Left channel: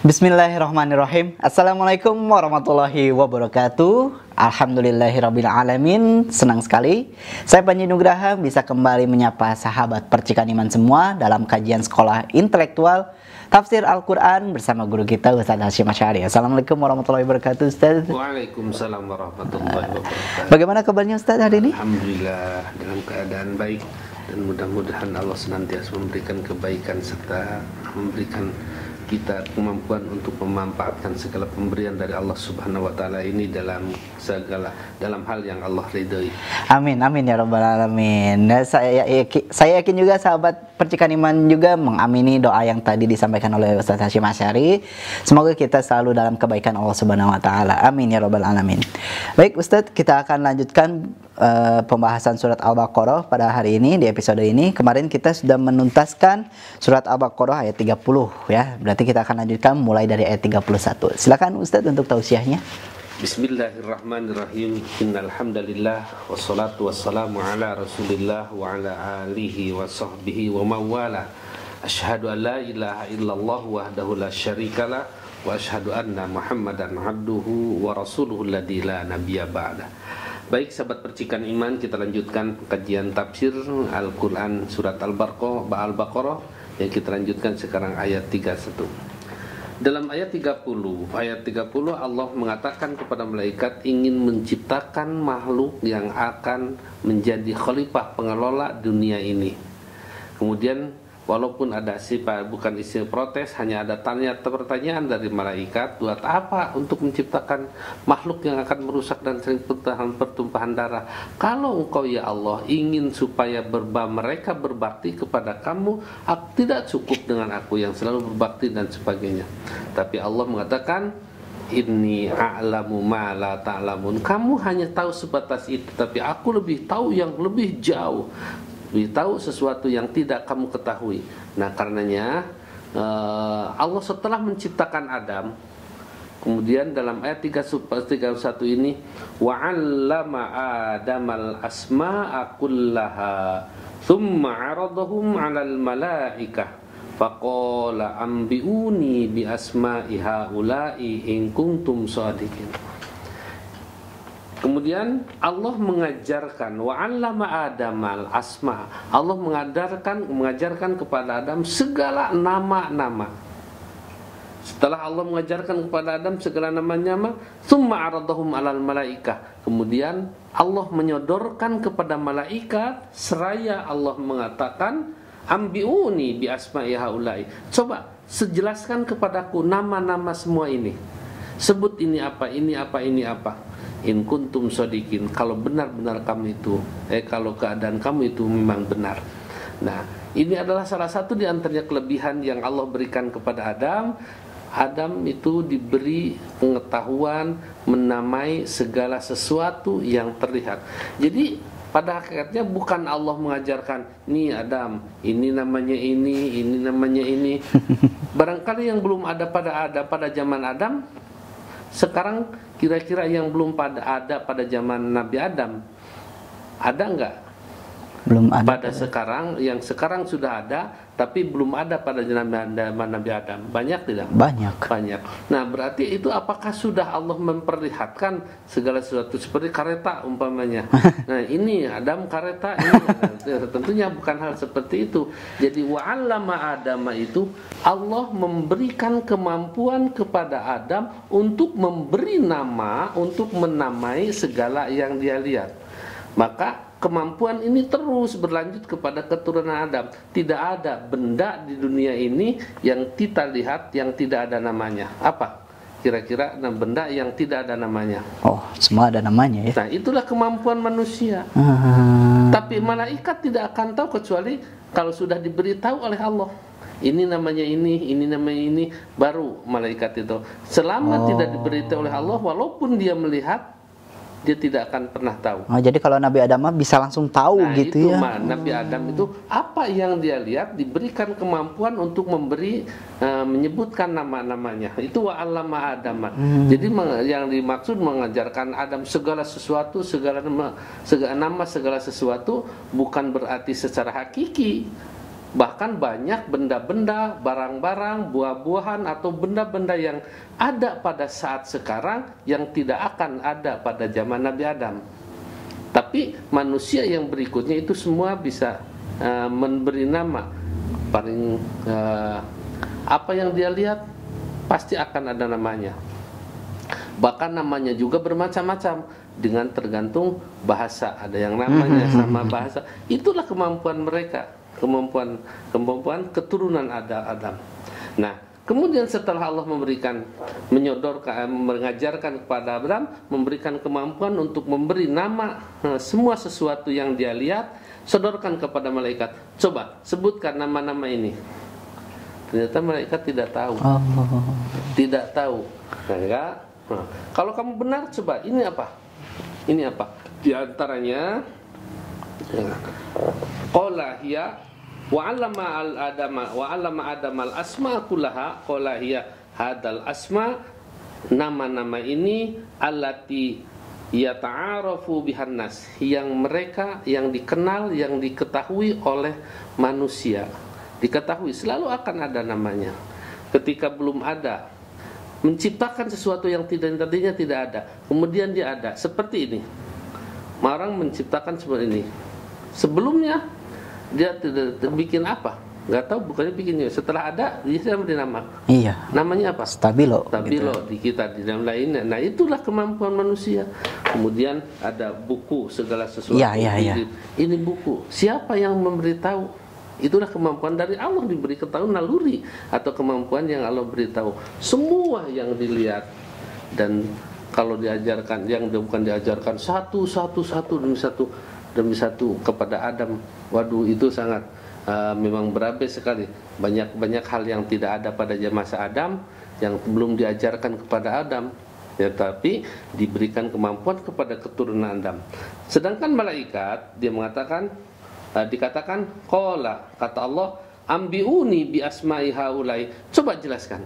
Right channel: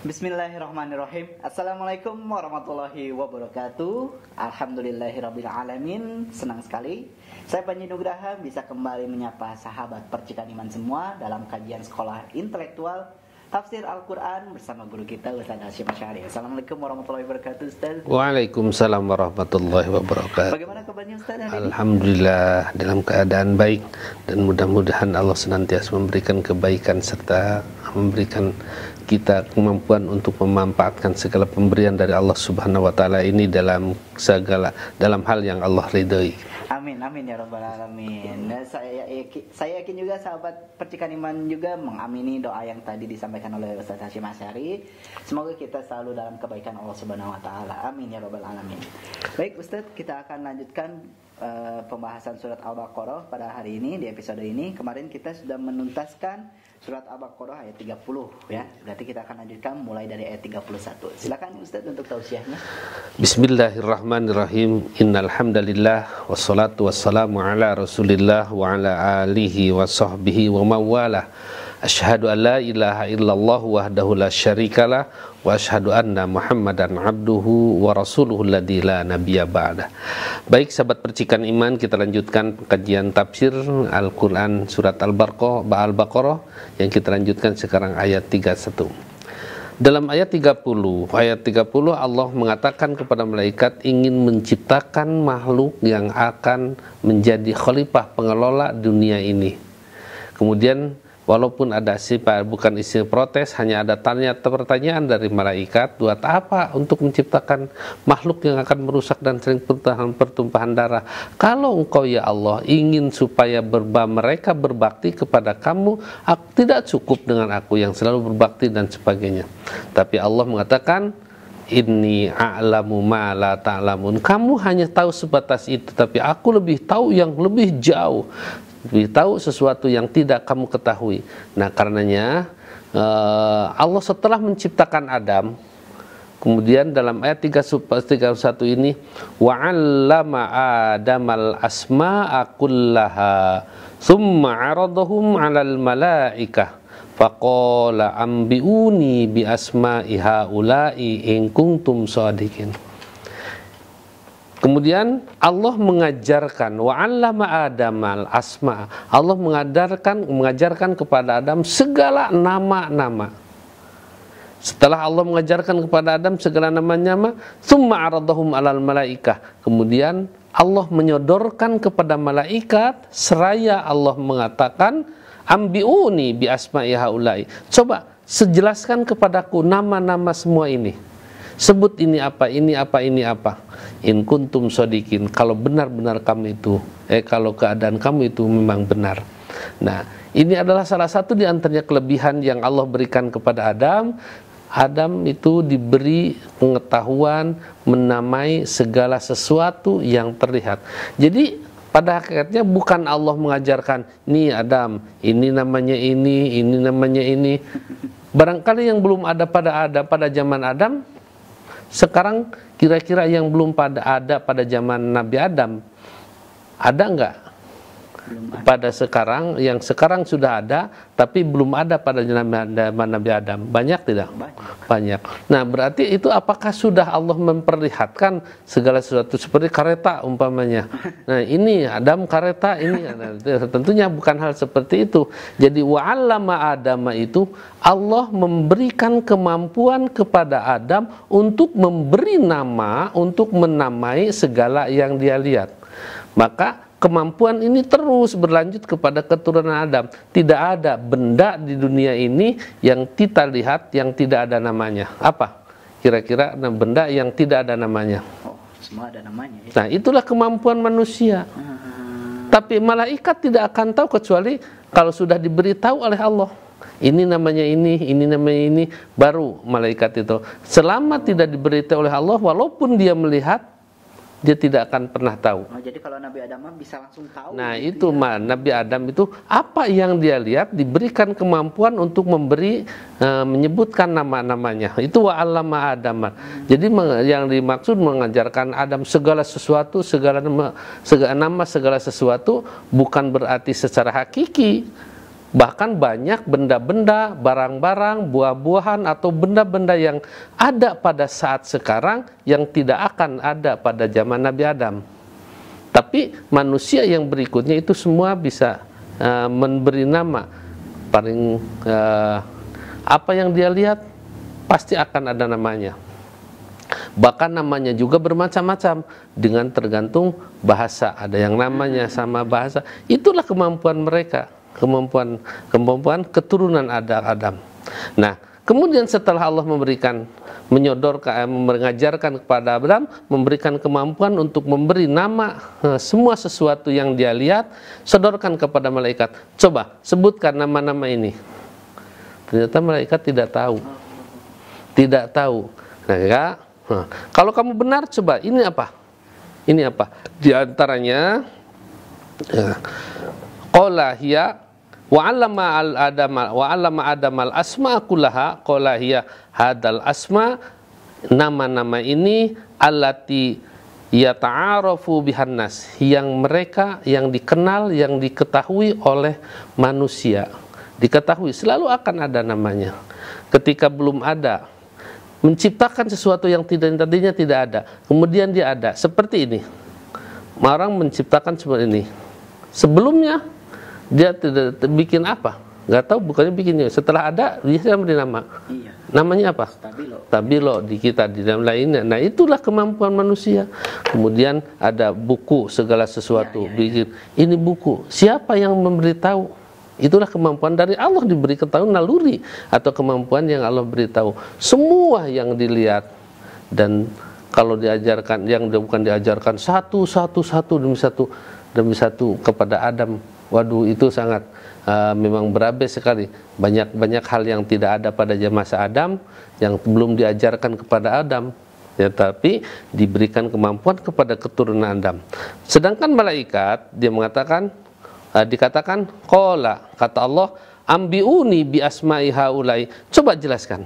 Bismillahirrahmanirrahim. Assalamualaikum warahmatullahi wabarakatuh. Alhamdulillahirabbil alamin. Senang sekali saya Panji Nugraha bisa kembali menyapa sahabat percikan iman semua dalam kajian sekolah intelektual Tafsir Al-Quran bersama guru kita Ustaz Hasyim Asy'ari. Assalamualaikum warahmatullahi wabarakatuh Ustaz. Waalaikumsalam warahmatullahi wabarakatuh. Bagaimana kabarnya Ustaz hari ini? Alhamdulillah dalam keadaan baik, dan mudah-mudahan Allah senantiasa memberikan kebaikan serta memberikan kita kemampuan untuk memanfaatkan segala pemberian dari Allah Subhanahu wa taala ini dalam hal yang Allah ridhoi. Amin amin ya rabbal alamin. Nah, saya yakin juga sahabat percikan iman juga mengamini doa yang tadi disampaikan oleh Ustaz Hasyim Asy'ari. Semoga kita selalu dalam kebaikan Allah Subhanahu wa taala. Amin ya rabbal alamin. Baik Ustaz, kita akan lanjutkan pembahasan surat Al-Baqarah pada hari ini. Di episode ini kemarin kita sudah menuntaskan surat Al-Baqarah ayat 30 ya. Berarti kita akan lanjutkan mulai dari ayat 31. Silakan Ustaz untuk tausiahnya. Bismillahirrahmanirrahim. Innal hamdalillah wassalatu wassalamu ala Rasulillah wa ala alihi wa sahbihi wa mawala. Asyhadu an la ilaha illallah wahdahu la syarikalah wa asyhadu anna Muhammadan abduhu wa rasuluhu alladzi la nabiyya ba'da. Baik sahabat percikan iman, kita lanjutkan kajian tafsir Al-Qur'an surat Al-Baqarah yang kita lanjutkan sekarang ayat 31. Dalam ayat 30 Allah mengatakan kepada malaikat ingin menciptakan makhluk yang akan menjadi khalifah pengelola dunia ini. Kemudian walaupun ada bukan isi protes, hanya ada pertanyaan dari malaikat, buat apa untuk menciptakan makhluk yang akan merusak dan sering pertumpahan darah? Kalau engkau ya Allah ingin supaya mereka berbakti kepada kamu, tidak cukup dengan aku yang selalu berbakti dan sebagainya. Tapi Allah mengatakan, Inni a'lamu ma la ta'lamun. Kamu hanya tahu sebatas itu, tapi aku lebih tahu yang lebih jauh. Lebih tahu sesuatu yang tidak kamu ketahui. Nah, karenanya Allah setelah menciptakan Adam, kemudian dalam ayat 31 ini, wa'allama Adamal asma'a kullaha thumma 'aradahum 'alal malaikah faqala ambiuni bi asma'i haula'i in kuntum shadiqin. Kemudian Allah mengajarkan wa'allama Adamal asma. Allah mengajarkan kepada Adam segala nama-nama. Setelah Allah mengajarkan kepada Adam segala nama-nama, tsumma 'aradahum 'alal malaikah. Kemudian Allah menyodorkan kepada malaikat seraya Allah mengatakan ambiuni bi asma'i haula'i. Coba sejelaskan kepadaku nama-nama semua ini. Sebut ini apa, ini apa, ini apa. In kuntum shodikin, kalau benar-benar kamu itu, kalau keadaan kamu itu memang benar. Nah, ini adalah salah satu di antaranya kelebihan yang Allah berikan kepada Adam. Adam itu diberi pengetahuan menamai segala sesuatu yang terlihat. Jadi pada hakikatnya bukan Allah mengajarkan, nih Adam, ini namanya ini namanya ini. Barangkali yang belum ada pada zaman Adam, sekarang kira-kira yang belum ada pada zaman Nabi Adam, ada enggak? Belum ada. Pada sekarang, yang sekarang sudah ada, tapi belum ada pada zaman Nabi Adam. Banyak tidak? Banyak. Nah, berarti itu apakah sudah Allah memperlihatkan segala sesuatu seperti kereta umpamanya? Nah, ini Adam kereta ini. Tentunya bukan hal seperti itu. Jadi wa'allama Adama itu Allah memberikan kemampuan kepada Adam untuk memberi nama, untuk menamai segala yang dia lihat. Maka kemampuan ini terus berlanjut kepada keturunan Adam. Tidak ada benda di dunia ini yang kita lihat yang tidak ada namanya. Apa? Kira-kira benda yang tidak ada namanya. Oh, semua ada namanya ya. Nah, itulah kemampuan manusia. Tapi malaikat tidak akan tahu kecuali kalau sudah diberitahu oleh Allah. Ini namanya ini namanya ini, baru malaikat itu. Selama tidak diberitahu oleh Allah, walaupun dia melihat, dia tidak akan pernah tahu. Oh, jadi kalau Nabi Adam bisa langsung tahu gitu itu, ya. Nabi Adam itu apa yang dia lihat diberikan kemampuan untuk menyebutkan nama-namanya. Itu wa'allama Adam. Jadi yang dimaksud mengajarkan Adam segala sesuatu, segala nama, segala sesuatu bukan berarti secara hakiki Bahkan banyak benda-benda, barang-barang, buah-buahan atau benda-benda yang ada pada saat sekarang yang tidak akan ada pada zaman Nabi Adam. Tapi manusia yang berikutnya itu semua bisa memberi nama. Paling apa yang dia lihat pasti akan ada namanya. Bahkan namanya juga bermacam-macam dengan tergantung bahasa. Ada yang namanya sama bahasa. Itulah kemampuan mereka, kemampuan keturunan Adam. Nah, kemudian setelah Allah mengajarkan kepada Adam, memberikan kemampuan untuk memberi nama semua sesuatu yang dia lihat, sodorkan kepada malaikat. Coba sebutkan nama-nama ini. Ternyata malaikat tidak tahu. Tidak tahu. Nah, kalau kamu benar, coba ini apa? Ini apa? Di antaranya qala hiya wa 'allama Adam al-asma kullaha qala hiya hadal asma, nama-nama ini allati yata'arafu bihan nas, yang mereka yang dikenal, yang diketahui oleh manusia. Diketahui, selalu akan ada namanya. Ketika belum ada, menciptakan sesuatu yang tadinya tidak ada, kemudian dia ada. Seperti ini, orang menciptakan seperti ini. Sebelumnya dia tidak bikin apa, nggak tahu, bukannya bikinnya. Setelah ada, dia beri nama. Iya. Namanya apa? Stabilo. Stabilo di kita, di dalam lainnya. Nah, itulah kemampuan manusia. Kemudian ada buku, segala sesuatu. Iya. Ini buku. Siapa yang memberitahu? Itulah kemampuan dari Allah, diberi ketahuan naluri atau kemampuan yang Allah beritahu. Semua yang dilihat, dan kalau diajarkan, yang bukan diajarkan satu demi satu kepada Adam, waduh, itu sangat memang berabe sekali. Banyak hal yang tidak ada pada masa Adam, yang belum diajarkan kepada Adam, ya, tapi diberikan kemampuan kepada keturunan Adam. Sedangkan malaikat, dia mengatakan, dikatakan qala, kata Allah, ambiuni bi asma'i haulai, coba jelaskan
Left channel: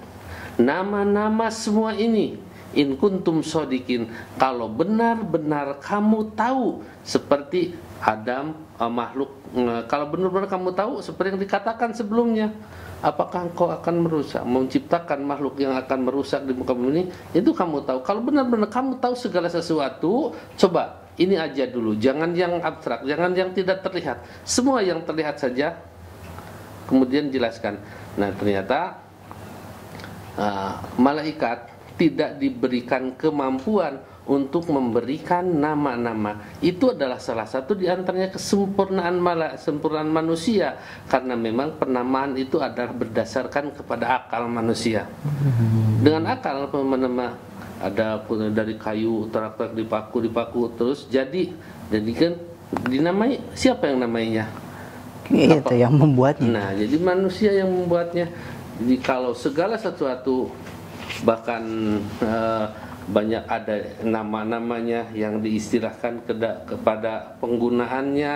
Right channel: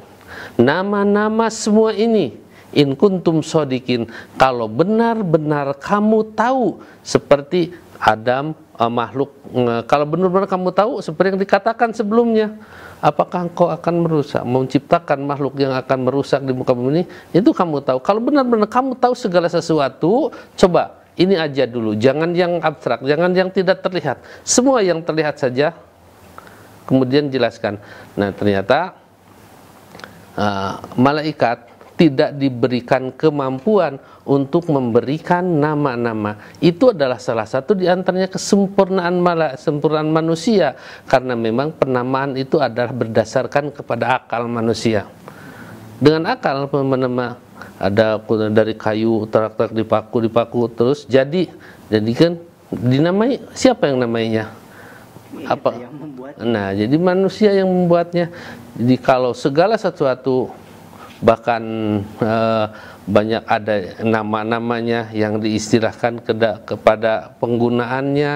nama-nama semua ini, in kuntum shodikin, kalau benar-benar kamu tahu seperti Adam, makhluk, kalau benar-benar kamu tahu seperti yang dikatakan sebelumnya, apakah engkau akan merusak, menciptakan makhluk yang akan merusak di muka bumi ini? Itu kamu tahu. Kalau benar-benar kamu tahu segala sesuatu, coba ini aja dulu, jangan yang abstrak, jangan yang tidak terlihat, semua yang terlihat saja, kemudian jelaskan. Nah, ternyata malaikat tidak diberikan kemampuan untuk memberikan nama-nama. Itu adalah salah satu di antaranya kesempurnaan manusia, karena memang penamaan itu adalah berdasarkan kepada akal manusia. Dengan akal nama ada dari kayu terak-terak dipaku terus jadi kan dinamai, siapa yang namainya? Itu yang membuatnya. Nah, jadi manusia yang membuatnya. Jadi kalau segala sesuatu, bahkan banyak ada nama-namanya yang diistilahkan kepada penggunaannya,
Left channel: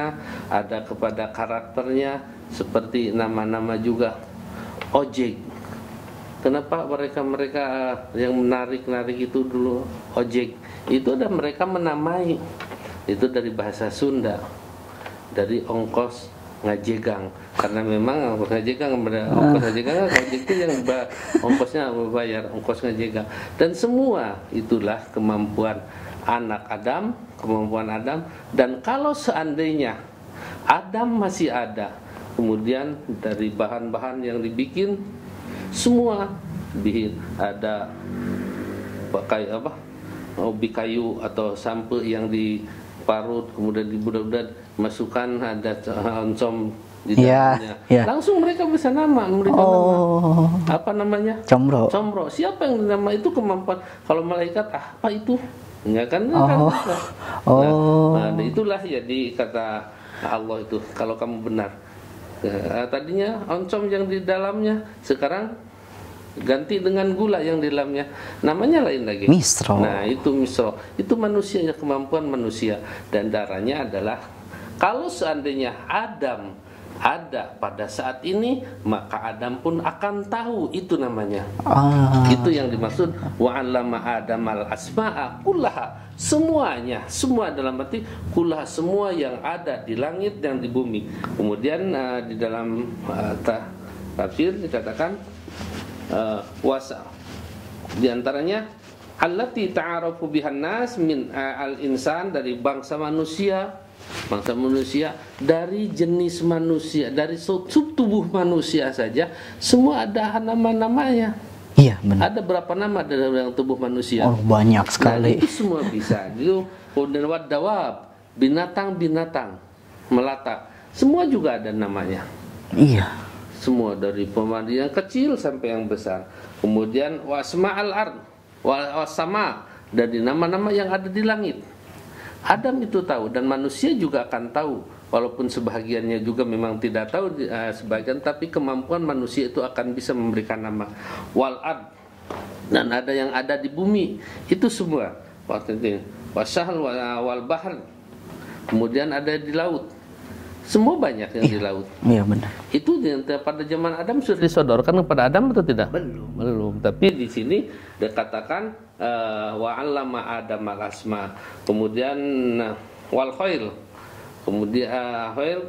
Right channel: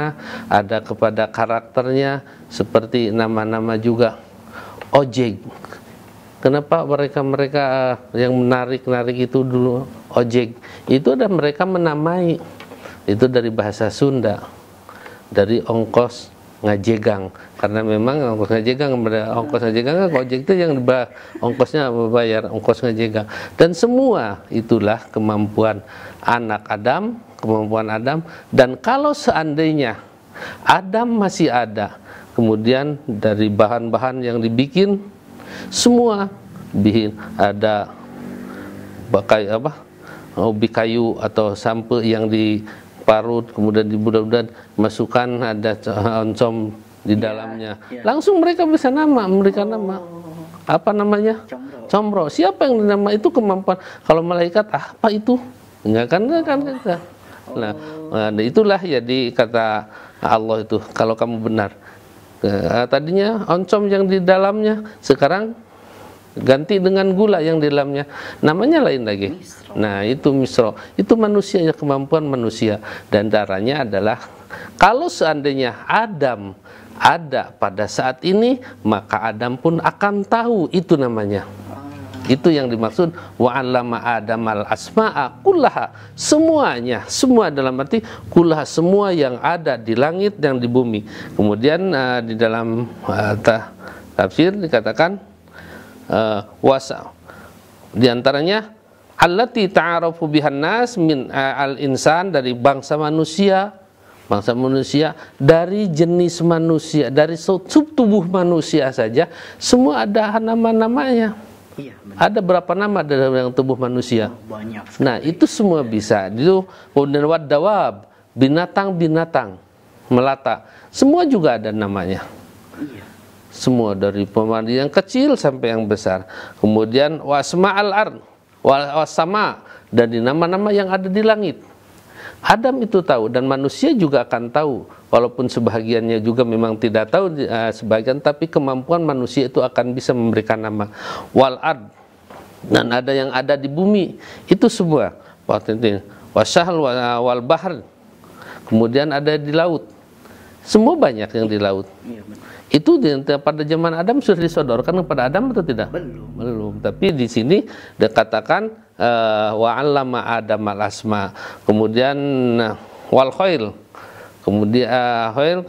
ada kepada karakternya, seperti nama-nama juga ojek. Kenapa mereka yang menarik itu dulu ojek? Itu ada mereka menamai. Itu dari bahasa Sunda, dari ongkos ngajegang, karena memang ongkos ngajegang, ojek itu yang ongkosnya membayar ongkos ngajegang. Dan semua itulah kemampuan anak Adam, kemampuan Adam. Dan kalau seandainya Adam masih ada, kemudian dari bahan-bahan yang dibikin, semua ada pakai ubi kayu atau sampo yang diparut, kemudian dibudak-budak, masukkan ada oncom di dalamnya. Langsung mereka bisa memberikan nama. Apa namanya? Combro. Siapa yang nama itu kemampuan. Kalau malaikat, apa itu? Enggak kan? Nah, itulah ya kata Allah itu, kalau kamu benar. Tadinya oncom yang di dalamnya, sekarang ganti dengan gula yang di dalamnya, namanya lain lagi. Misro. Nah, itu misro. Itu manusia, kemampuan manusia. Dan darahnya adalah, kalau seandainya Adam ada pada saat ini, maka Adam pun akan tahu itu namanya. Itu yang dimaksud wa 'allama Adamal asma'a kullaha. Semuanya, semua dalam arti kullaha, semua yang ada di langit dan di bumi. Kemudian di dalam tafsir dikatakan wasa di antaranya allati ta'arafu bihan nas min al-insan, dari bangsa manusia dari jenis manusia, dari sub tubuh manusia saja semua ada nama-namanya. Iya, benar. Ada berapa nama dalam tubuh manusia? Oh, banyak sekali. Nah, itu semua bisa. Itu wad dawab, binatang-binatang melata, semua juga ada namanya. Iya. Semua dari pemandu yang kecil sampai yang besar. Kemudian wasma'al ard, wasama, dan nama-nama yang ada di langit. Adam itu tahu dan manusia juga akan tahu, walaupun sebahagiannya juga memang tidak tahu sebagian, tapi kemampuan manusia itu akan bisa memberikan nama. Wal ard, dan ada yang ada di bumi, itu semua. Wasahl wal bahr, kemudian ada di laut. Semua banyak yang di laut. Iya, benar. Itu pada zaman Adam sudah disodorkan kepada Adam atau tidak? Belum. Tapi di sini dikatakan wa 'allama Adamal asma. Kemudian wal khail. Kemudian khail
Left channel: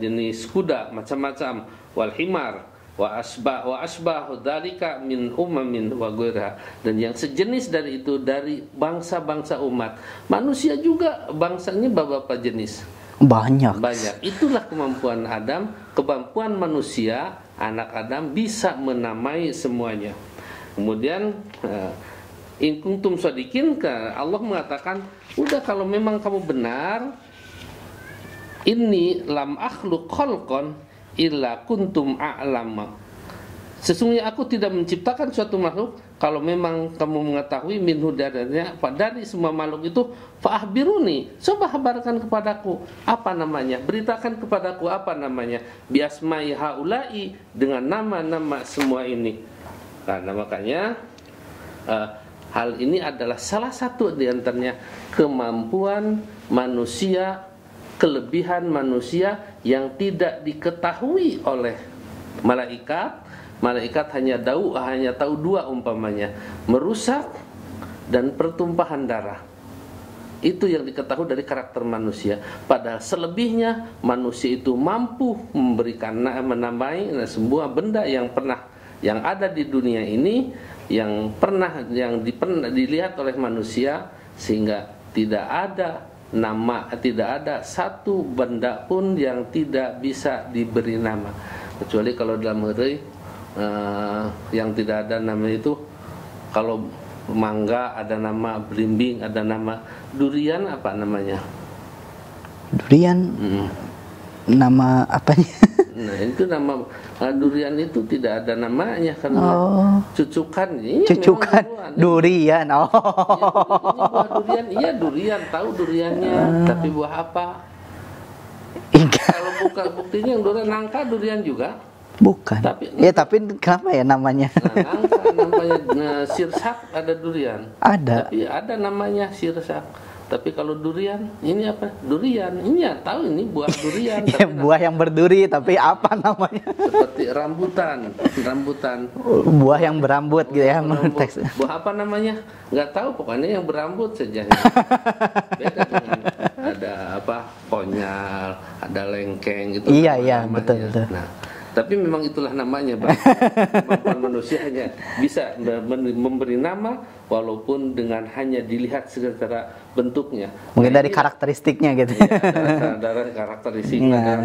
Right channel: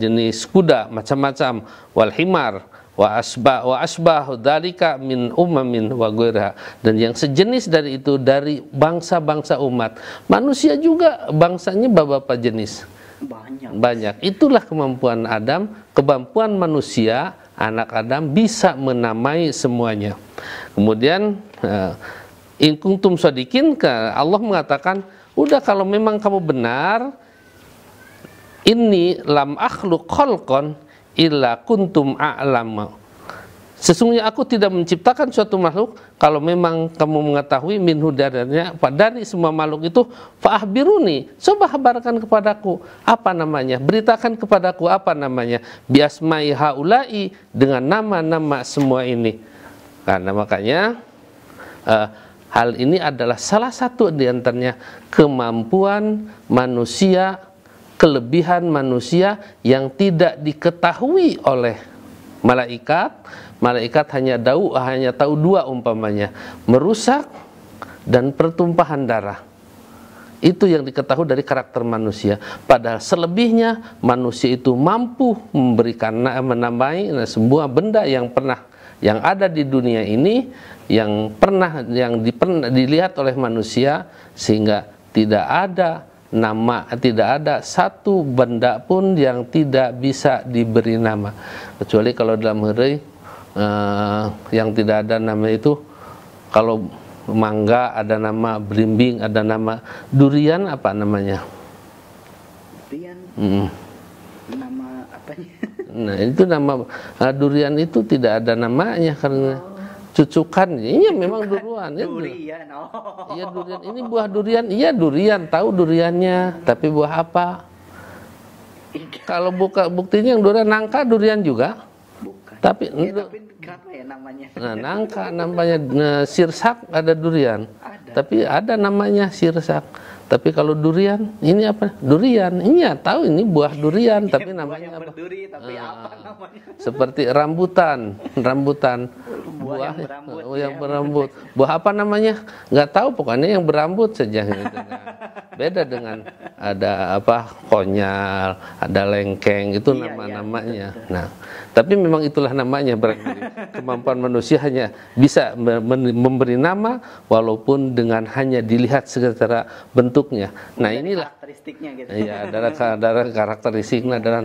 jenis kuda macam-macam, wal himar wa asbah dzalika min umamin wa ghairiha, dan yang sejenis dari itu dari bangsa-bangsa umat. Manusia juga bangsanya beberapa jenis. Banyak. Itulah kemampuan Adam, kemampuan manusia, anak Adam bisa menamai semuanya. Kemudian in kuntum shadiqin, Allah mengatakan, udah kalau memang kamu benar, inni lam akhluq khalqan illa kuntum a'lama. Sesungguhnya aku tidak menciptakan suatu makhluk kalau memang kamu mengetahui minhu dari semua makhluk itu, fa'ahbiruni, coba kabarkan kepadaku apa namanya, beritakan kepadaku apa namanya, biasmai haula'i, dengan nama-nama semua ini. Karena makanya hal ini adalah salah satu di antaranya kemampuan manusia, kelebihan manusia yang tidak diketahui oleh malaikat. Malaikat hanya tahu dua umpamanya, merusak dan pertumpahan darah. Itu yang diketahui dari karakter manusia. Padahal selebihnya manusia itu mampu memberikan menamai sebuah benda yang ada di dunia ini, yang dilihat oleh manusia, sehingga tidak ada satu benda pun yang tidak bisa diberi nama, kecuali kalau dalam hari yang tidak ada nama itu, kalau mangga ada nama, belimbing ada nama, durian apa namanya? Durian nama apanya? Nah, itu nama durian itu tidak ada namanya karena cucukan. Cucukan durian. Ya, ini buah durian, iya durian, tahu duriannya, tapi buah apa? Kalau buktinya yang durian, nangka durian juga. Bukan. Tapi kenapa ya namanya? Nangka namanya sirsak, ada durian. Ada. Tapi ada namanya sirsak. Tapi kalau durian, ini apa? Durian. Ini ya tahu ini buah durian. Tapi buah yang berduri, tapi apa namanya? Seperti rambutan. Buah yang berambut gitu ya. Buah apa namanya? Nggak tahu, pokoknya yang berambut saja. Beda dengan ada apa? Konyal, ada lengkeng, itu iya, namanya. Betul. Nah, tapi memang itulah namanya, berarti kemampuan manusia hanya bisa memberi nama walaupun dengan hanya dilihat secara bentuknya. Mungkin dari karakteristiknya gitu. Iya, dari karakteristiknya dan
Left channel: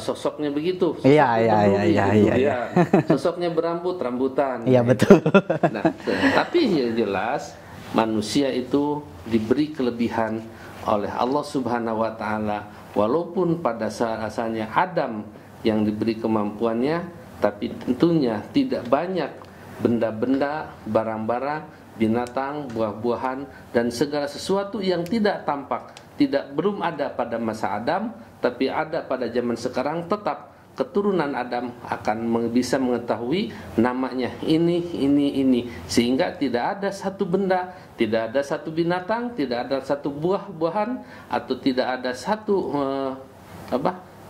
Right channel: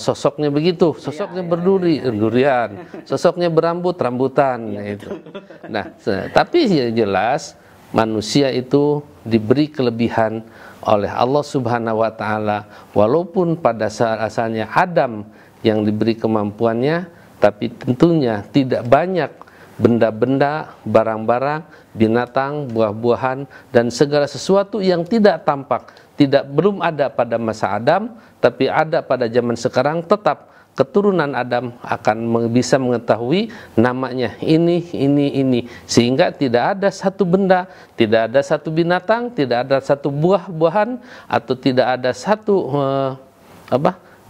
sosoknya begitu. Sosoknya berduri, durian. Sosoknya berambut, rambutan. Iya, betul. Nah, tapi jelas manusia itu diberi kelebihan oleh Allah Subhanahu wa taala, walaupun pada asalnya Adam yang diberi kemampuannya, tapi tentunya tidak banyak benda-benda, barang-barang, binatang, buah-buahan, dan segala sesuatu yang tidak tampak, belum ada pada masa Adam, tapi ada pada zaman sekarang. Tetap keturunan Adam akan bisa mengetahui namanya ini, sehingga tidak ada satu benda, tidak ada satu binatang, tidak ada satu buah-buahan, atau tidak ada satu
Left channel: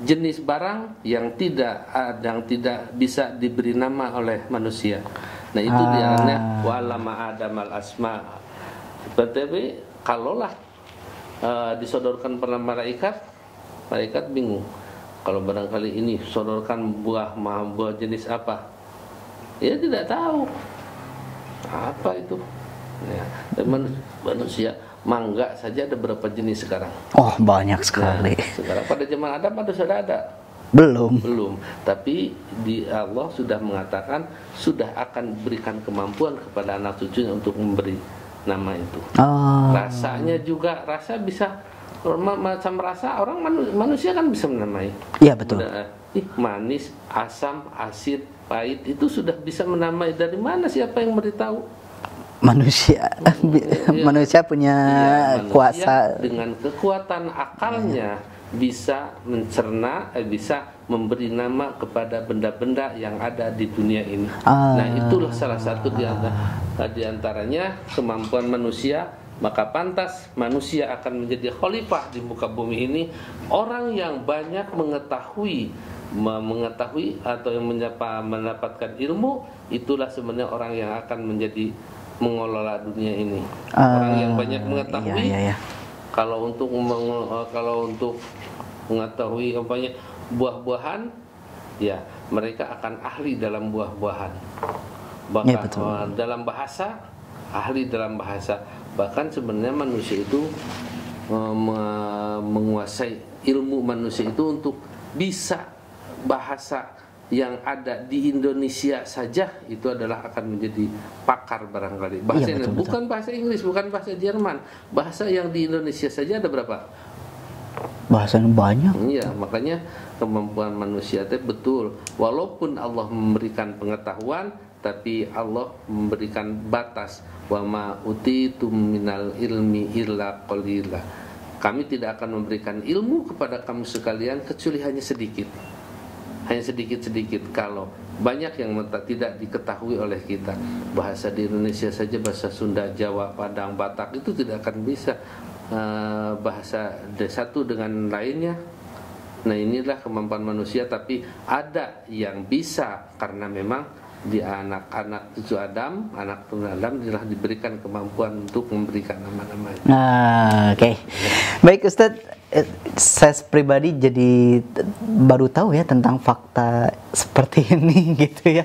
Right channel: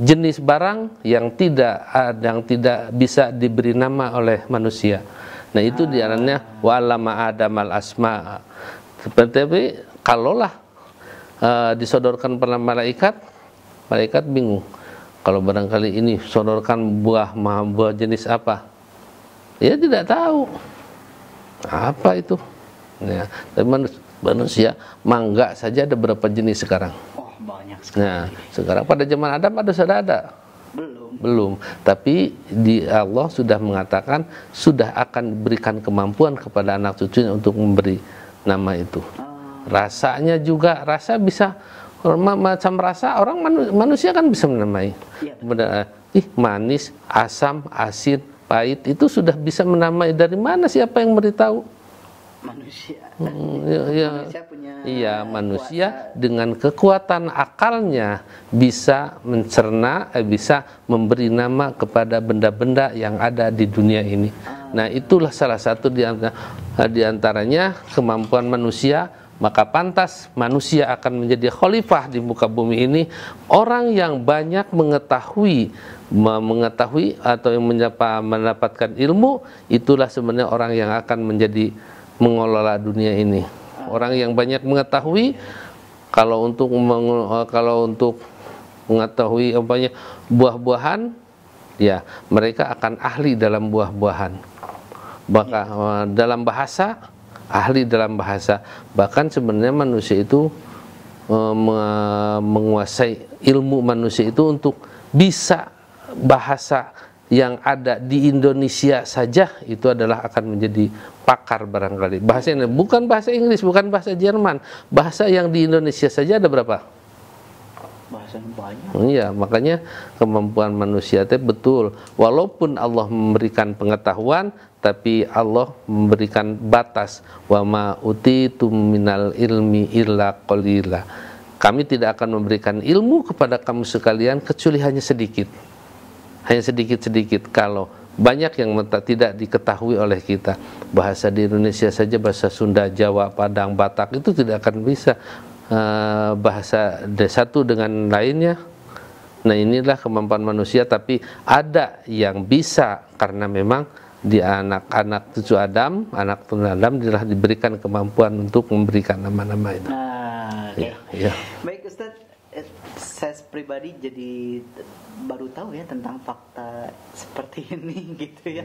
jenis barang yang tidak bisa diberi nama oleh manusia. Nah, itu diarahnya wa'allama Adamal asma. Seperti kalaulah disodorkan pada malaikat bingung. Kalau barangkali ini sodorkan buah jenis apa? Dia tidak tahu. Apa itu? Ya, dan manusia mangga saja ada berapa jenis sekarang? Oh, banyak sekali. Nah, sekarang pada zaman Adam sudah ada? Belum. Tapi Allah sudah mengatakan sudah akan berikan kemampuan kepada anak cucunya untuk memberi nama itu. Rasanya juga bisa macam rasa orang manusia kan bisa menamai. Iya, betul. Manis, asam, asin, pahit itu sudah bisa menamai. Dari mana siapa yang beritahu? Manusia. Manusia punya kuasa dengan kekuatan akalnya bisa mencerna, bisa memberi nama kepada benda-benda yang ada di dunia ini. Nah, itulah salah satu di antaranya kemampuan manusia. Maka pantas manusia akan menjadi khalifah di muka bumi ini, orang yang banyak mengetahui atau yang mendapatkan ilmu. Itulah sebenarnya orang yang akan menjadi mengelola dunia ini. Orang yang banyak mengetahui. Kalau untuk mengetahui buah-buahan, ya mereka akan ahli dalam buah-buahan. Bahkan dalam bahasa, ahli dalam bahasa. Bahkan sebenarnya manusia itu menguasai ilmu manusia itu untuk bisa bahasa yang ada di Indonesia saja itu adalah akan menjadi pakar barangkali. Bahasa ini bukan bahasa Inggris, bukan bahasa Jerman. Bahasa yang di Indonesia saja ada berapa? Bahasanya banyak. Iya, makanya kemampuan manusia itu betul. Walaupun Allah memberikan pengetahuan, tapi Allah memberikan batas. Wa ma utitum minal ilmi illa qalila. Kami tidak akan memberikan ilmu kepada kamu sekalian kecuali hanya sedikit. Hanya sedikit-sedikit. Kalau banyak yang tidak diketahui oleh kita. Bahasa di Indonesia saja, bahasa Sunda, Jawa, Padang, Batak itu tidak akan bisa bahasa satu dengan lainnya. Nah, inilah kemampuan manusia. Tapi ada yang bisa karena memang di anak-anak cucu Adam, anak turun Adam telah diberikan kemampuan untuk memberikan nama-nama itu. Oke. Ya. Baik Ustadz, saya pribadi jadi baru tahu ya tentang fakta seperti ini gitu ya.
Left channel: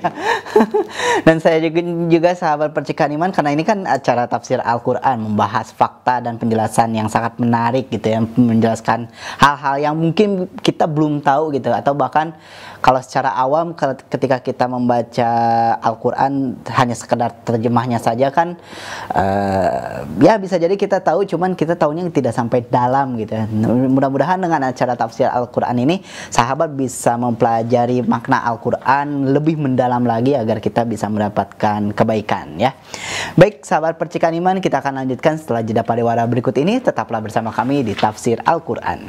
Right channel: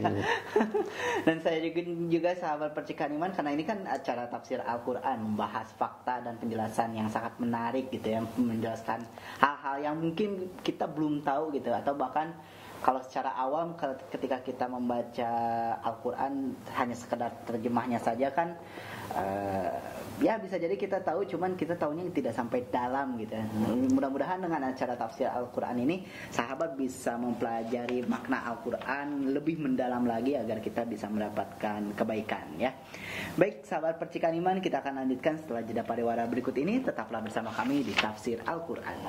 Dan saya juga sahabat Percikan Iman, karena ini kan acara tafsir Al-Quran, membahas fakta dan penjelasan yang sangat menarik gitu ya, menjelaskan hal-hal yang mungkin kita belum tahu gitu, atau bahkan kalau secara awam ketika kita membaca Al-Quran hanya sekedar terjemahnya saja kan ya bisa jadi kita tahu, cuman kita tahunya tidak sampai dalam gitu ya. Mudah-mudahan dengan acara tafsir Al-Quran ini sahabat bisa mempelajari makna Al-Quran lebih mendalam lagi agar kita bisa mendapatkan kebaikan ya. Baik sahabat Percikan Iman, kita akan lanjutkan setelah jeda pariwara berikut ini. Tetaplah bersama kami di Tafsir Al-Quran.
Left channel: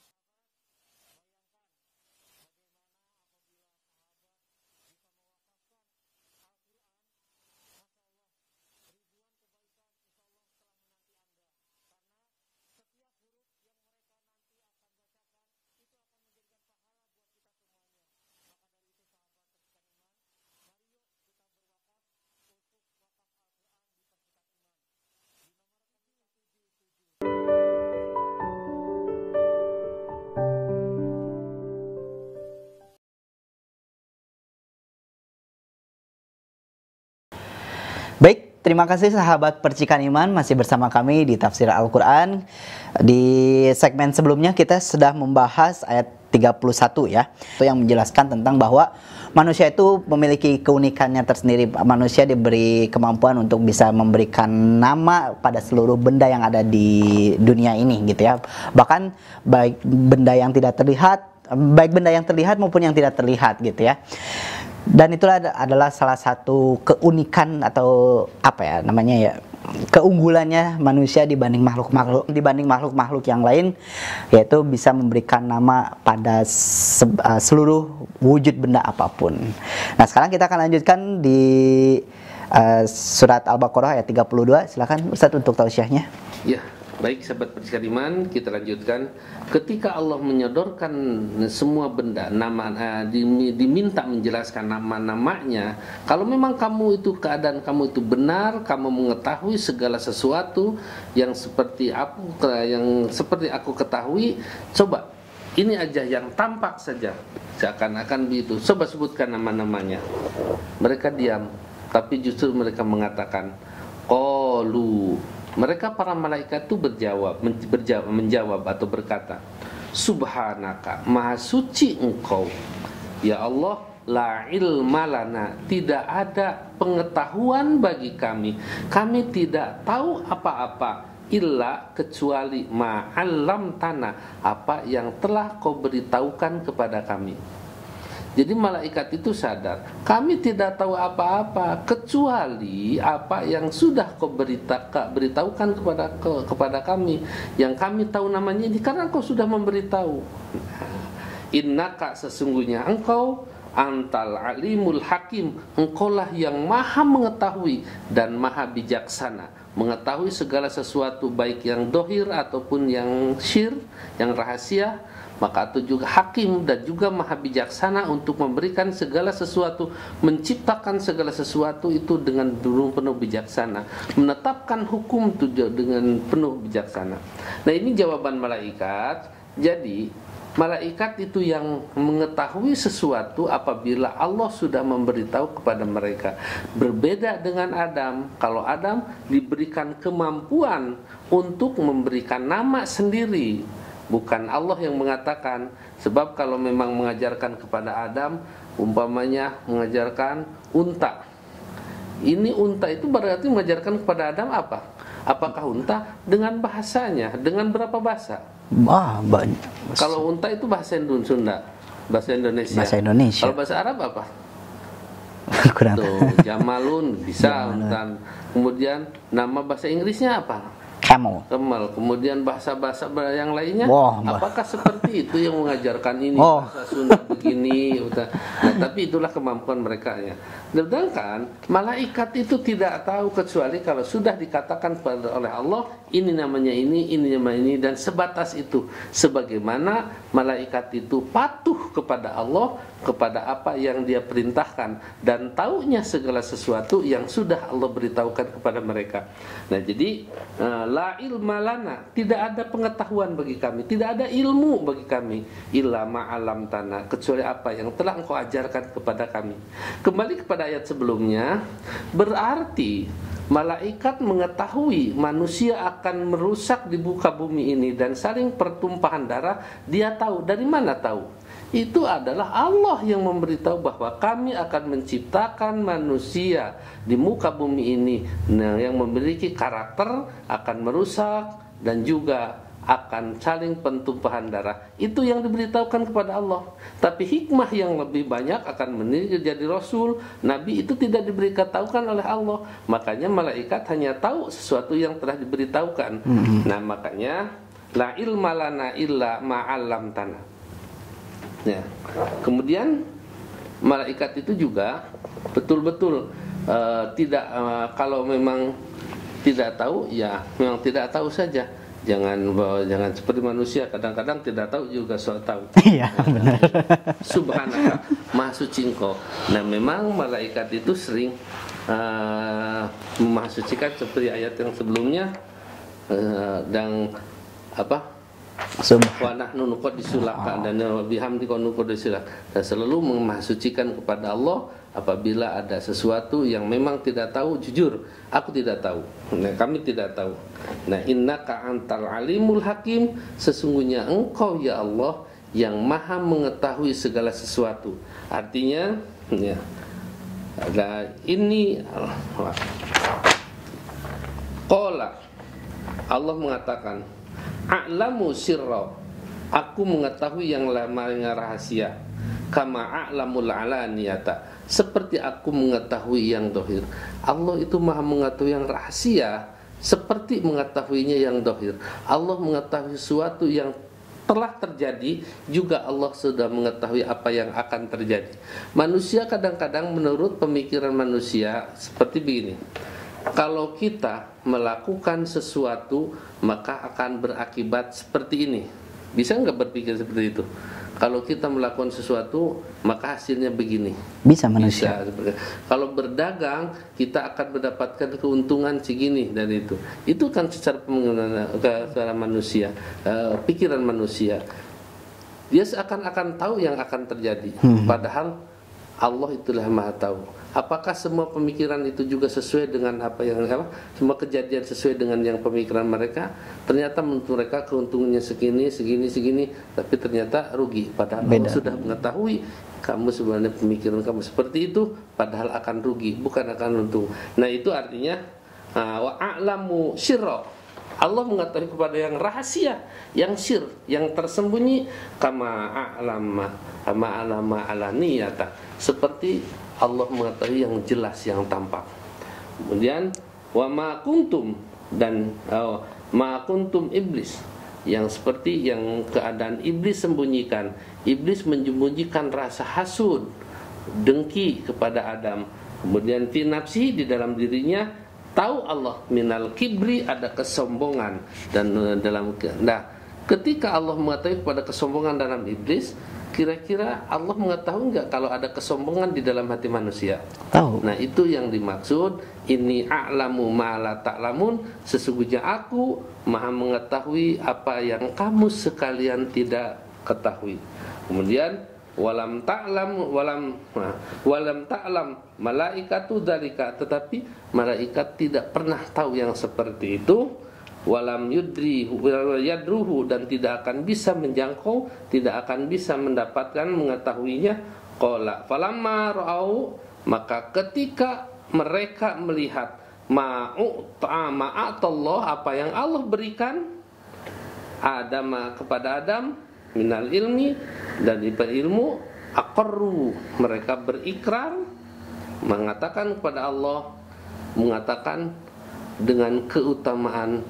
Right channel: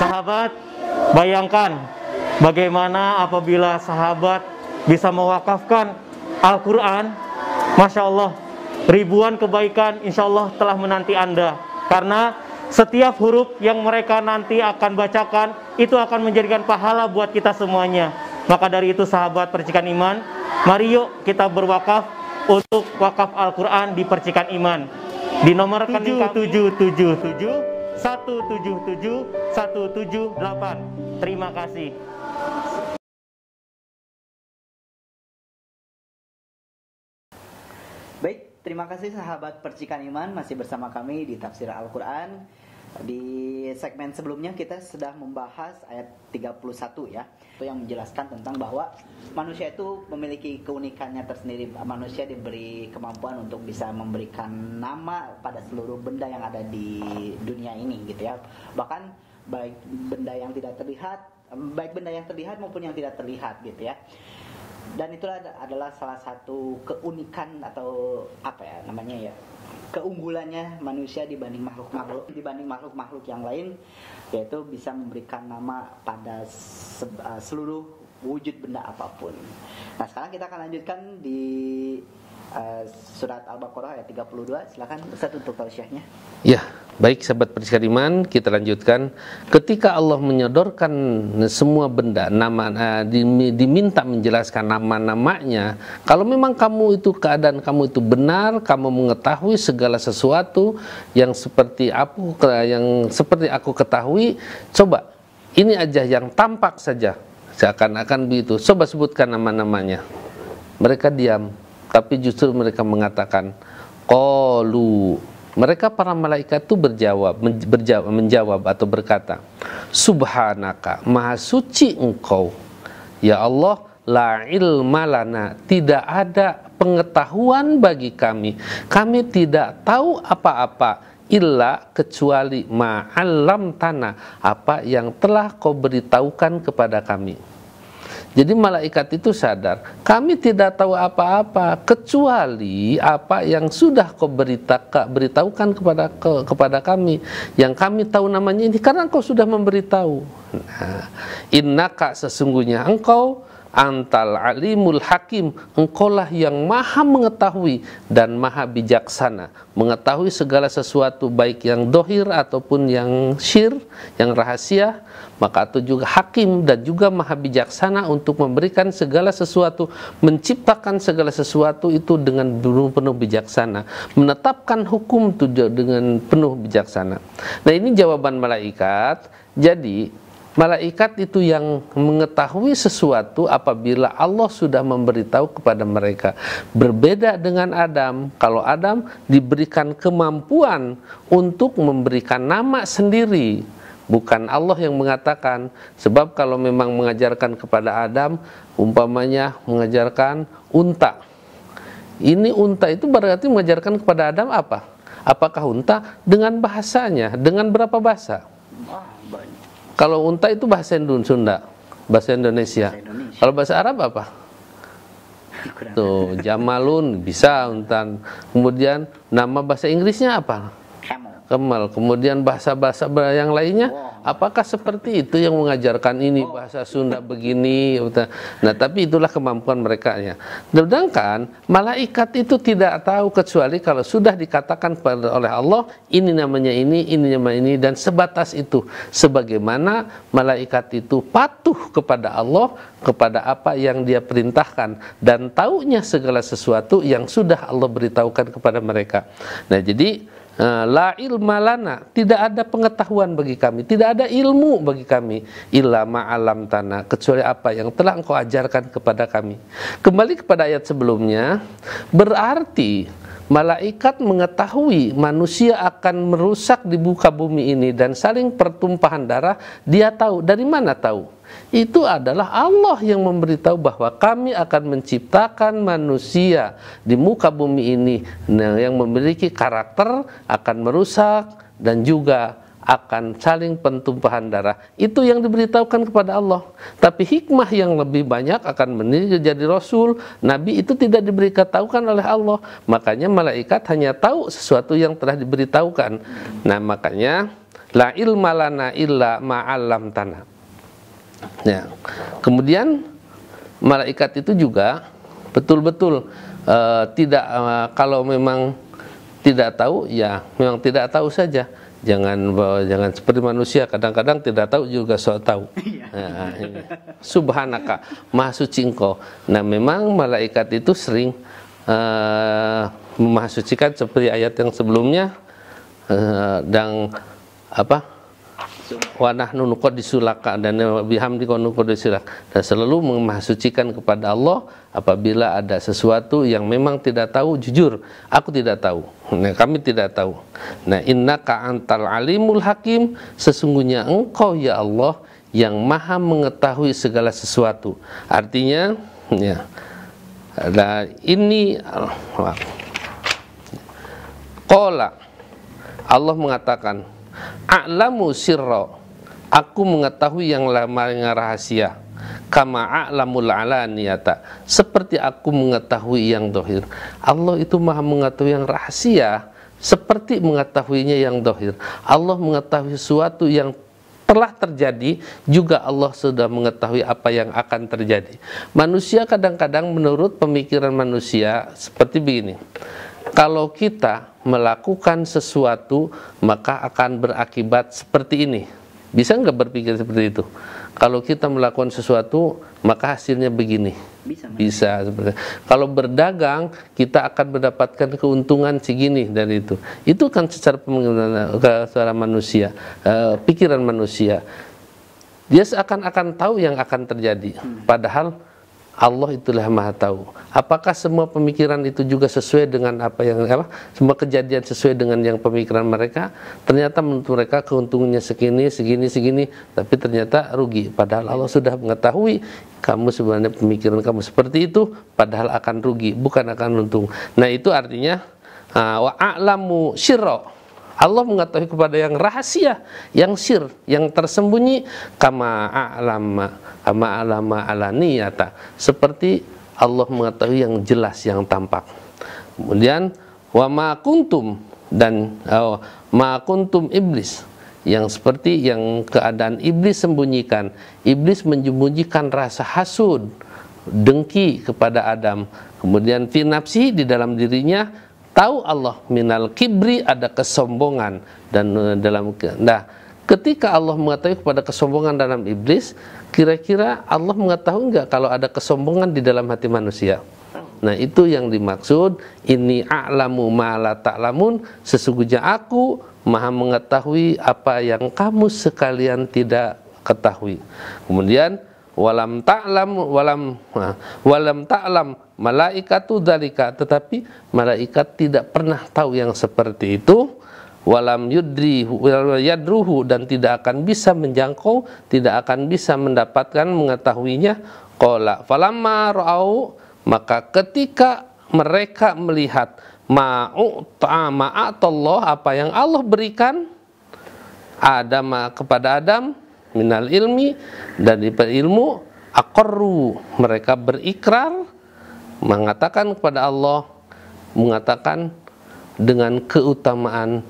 Sahabat, bayangkan bagaimana apabila sahabat bisa mewakafkan Al-Quran. Masya Allah, ribuan kebaikan insya Allah telah menanti Anda. Karena setiap huruf yang mereka nanti akan bacakan itu akan menjadikan pahala buat kita semuanya. Maka dari itu sahabat Percikan Iman, mari yuk kita berwakaf untuk wakaf Al-Quran di Percikan Iman. Di nomor rekening 777 177 178. Terima kasih. Baik, terima kasih sahabat Percikan Iman, masih bersama kami di Tafsir Al-Quran. Di segmen sebelumnya kita sudah membahas ayat 31 ya, itu yang menjelaskan tentang bahwa manusia itu memiliki keunikannya tersendiri. Manusia diberi kemampuan untuk bisa memberikan nama pada seluruh benda yang ada di dunia ini gitu ya. Bahkan baik benda yang tidak terlihat, baik benda yang terlihat maupun yang tidak terlihat gitu ya. Dan itulah adalah salah satu keunikan atau apa ya namanya ya, keunggulannya manusia dibanding makhluk-makhluk yang lain, yaitu bisa memberikan nama pada seluruh wujud benda apapun. Nah, sekarang kita akan lanjutkan di surat Al-Baqarah ayat 32. Silakan Ustaz untuk tausiahnya. Ya, baik sahabat Percikan Iman, kita lanjutkan. Ketika Allah menyodorkan semua benda, diminta menjelaskan nama-namanya. Kalau memang kamu itu keadaan kamu itu benar, kamu mengetahui segala sesuatu yang seperti aku ketahui, coba ini aja yang tampak saja, seakan-akan begitu. Coba sebutkan nama-namanya. Mereka diam, tapi justru mereka mengatakan, qalu. Mereka para malaikat itu menjawab atau berkata, Subhanaka, maha suci engkau ya Allah, la ilma lana, tidak ada pengetahuan bagi kami tidak tahu apa-apa illa kecuali ma'allam tanah, apa yang telah kau beritahukan kepada kami. Jadi malaikat itu sadar, kami tidak tahu apa-apa kecuali apa yang sudah kau beritahukan kepada kami. Yang kami tahu namanya ini karena kau sudah memberitahu. Nah, innaka, sesungguhnya engkau antal alimul hakim, engkaulah yang maha mengetahui dan maha bijaksana, mengetahui segala sesuatu baik yang dohir ataupun yang syir, yang rahasia. Maka itu juga hakim dan juga maha bijaksana untuk memberikan segala sesuatu, menciptakan segala sesuatu itu dengan penuh bijaksana, menetapkan hukum itu dengan penuh bijaksana. Nah, ini jawaban malaikat. Jadi malaikat itu yang mengetahui sesuatu apabila Allah sudah memberitahu kepada mereka. Berbeda dengan Adam. Kalau Adam diberikan kemampuan untuk memberikan nama sendiri, bukan Allah yang mengatakan. Sebab kalau memang mengajarkan kepada Adam, umpamanya mengajarkan unta. Ini unta itu berarti mengajarkan kepada Adam apa? Apakah unta? Dengan bahasanya. Dengan berapa bahasa? Banyak. Kalau unta itu bahasa Sunda, bahasa Indonesia. Bahasa Indonesia. Kalau bahasa Arab apa? Kurang. Tuh, Jamalun bisa unta. Kemudian nama bahasa Inggrisnya apa? Camel. Kemudian bahasa-bahasa yang lainnya, apakah seperti itu yang mengajarkan ini bahasa Sunda begini? Nah, tapi itulah kemampuan mereka ya. Sedangkan malaikat itu tidak tahu kecuali kalau sudah dikatakan oleh Allah, ini namanya ini namanya ini, dan sebatas itu. Sebagaimana malaikat itu patuh kepada Allah, kepada apa yang Dia perintahkan, dan taunya segala sesuatu yang sudah Allah beritahukan kepada mereka. Nah, jadi la ilma lana, tidak ada pengetahuan bagi kami, tidak ada ilmu bagi kami, illa ma'alam tanah, kecuali apa yang telah engkau ajarkan kepada kami. Kembali kepada ayat sebelumnya, berarti malaikat mengetahui manusia akan merusak di muka bumi ini dan saling pertumpahan darah. Dia tahu. Dari mana tahu? Itu adalah Allah yang memberitahu bahwa kami akan menciptakan manusia di muka bumi ini yang memiliki karakter, akan merusak dan juga akan saling pertumpahan darah. Itu yang diberitahukan kepada Allah. Tapi hikmah yang lebih banyak akan menjadi Rasul, Nabi itu tidak diberitahukan oleh Allah. Makanya malaikat hanya tahu sesuatu yang telah diberitahukan. Nah, makanya la ilma lana illa ma'allam tanah. Ya. Kemudian malaikat itu juga betul-betul tidak kalau memang tidak tahu, ya memang tidak tahu saja. Jangan seperti manusia, kadang-kadang tidak tahu juga sok tahu. Iya. Subhanaka, Maha Suci Engkau. Nah, memang malaikat itu sering memahasucikan seperti ayat yang sebelumnya, dan wa nahnu nuqaddisulaka dan bihamdika nuqaddisulak, dan selalu memahasucikan kepada Allah apabila ada sesuatu yang memang tidak tahu, jujur aku tidak tahu, nah, kami tidak tahu. Nah, innaka antal alimul hakim, sesungguhnya engkau ya Allah yang maha mengetahui segala sesuatu. Artinya ya, nah, ini qala, Allah mengatakan a'lamu sirra, aku mengetahui yang rahasia, kama a'lamul alaniyata, seperti aku mengetahui yang dohir. Allah itu maha mengetahui yang rahasia seperti mengetahuinya yang dohir. Allah mengetahui sesuatu yang telah terjadi, juga Allah sudah mengetahui apa yang akan terjadi. Manusia kadang-kadang menurut pemikiran manusia seperti begini, kalau kita melakukan sesuatu maka akan berakibat seperti ini. Bisa nggak berpikir seperti itu? Kalau kita melakukan sesuatu maka hasilnya begini. Bisa manusia. Bisa seperti. Kalau berdagang kita akan mendapatkan keuntungan segini dan itu. Itu kan secara manusia, pikiran manusia. Dia seakan-akan tahu yang akan terjadi. Padahal Allah itulah yang maha tahu. Apakah semua pemikiran itu juga sesuai dengan semua kejadian sesuai dengan yang pemikiran mereka? Ternyata menurut mereka keuntungannya segini, tapi ternyata rugi. Padahal Allah sudah mengetahui kamu sebenarnya pemikiran kamu seperti itu, padahal akan rugi, bukan akan untung. Nah, itu artinya wa a'lamu syirra, Allah mengetahui kepada yang rahasia, yang sir, yang tersembunyi, kama a'lama alaniyata, seperti Allah mengetahui yang jelas, yang tampak. Kemudian wa ma kuntum, dan ma kuntum iblis, yang seperti yang keadaan iblis sembunyikan. Iblis menyembunyikan rasa hasud, dengki kepada Adam. Kemudian fi nafsi, di dalam dirinya, tahu Allah minal kibri, ada kesombongan, dan ketika Allah mengetahui kepada kesombongan dalam iblis, kira-kira Allah mengetahui enggak kalau ada kesombongan di dalam hati manusia? Tahu. Nah, itu yang dimaksud inni a'lamu ma la ta'lamun, sesungguhnya aku maha mengetahui apa yang kamu sekalian tidak ketahui. Kemudian walam ta'lam malaikatu dzalika, tetapi malaikat tidak pernah tahu yang seperti itu. Walam yadruhu, dan tidak akan bisa menjangkau, tidak akan bisa mendapatkan mengetahuinya. Qala falamma ra'au, maka ketika mereka melihat ma'atallah, apa yang Allah berikan kepada Adam minal ilmi, dari ilmu, aqarru, mereka berikrar, mengatakan kepada Allah, mengatakan dengan keutamaan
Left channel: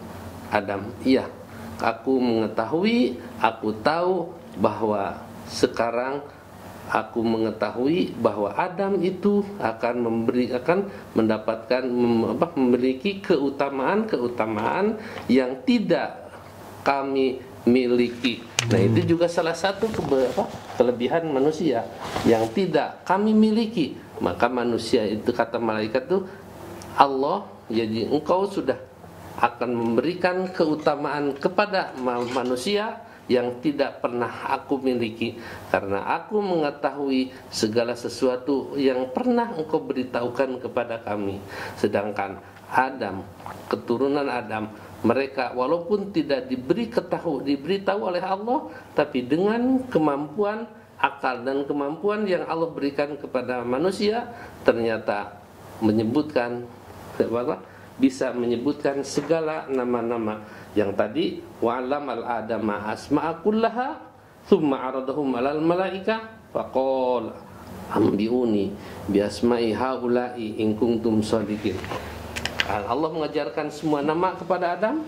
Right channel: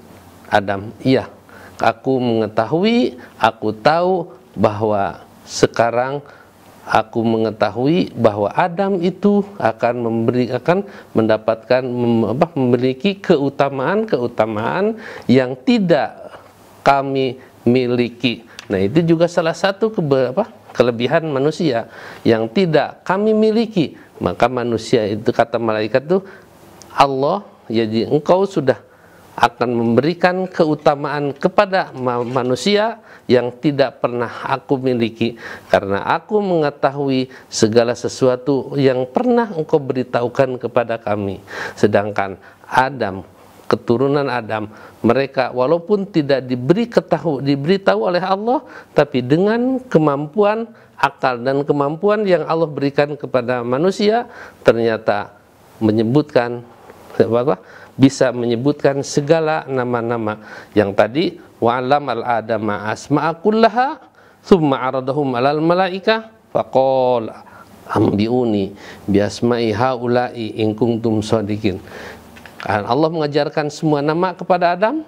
Adam, iya, aku mengetahui, aku tahu bahwa sekarang aku mengetahui bahwa Adam itu akan mendapatkan memiliki keutamaan yang tidak kami miliki. Nah, itu juga salah satu kelebihan manusia yang tidak kami miliki. Maka manusia itu, kata malaikat itu, Allah, jadi engkau sudah akan memberikan keutamaan kepada manusia yang tidak pernah aku miliki, karena aku mengetahui segala sesuatu yang pernah engkau beritahukan kepada kami. Sedangkan Adam, keturunan Adam, mereka walaupun tidak diberitahu oleh Allah, tapi dengan kemampuan akal dan kemampuan yang Allah berikan kepada manusia, ternyata bisa menyebutkan segala nama-nama yang tadi. Wa'alamal adama asma'a kullaha thumma aradahum alal malaika faqala ambiuni biasma'i haula'i in kuntum shadiqin. Allah mengajarkan semua nama kepada Adam,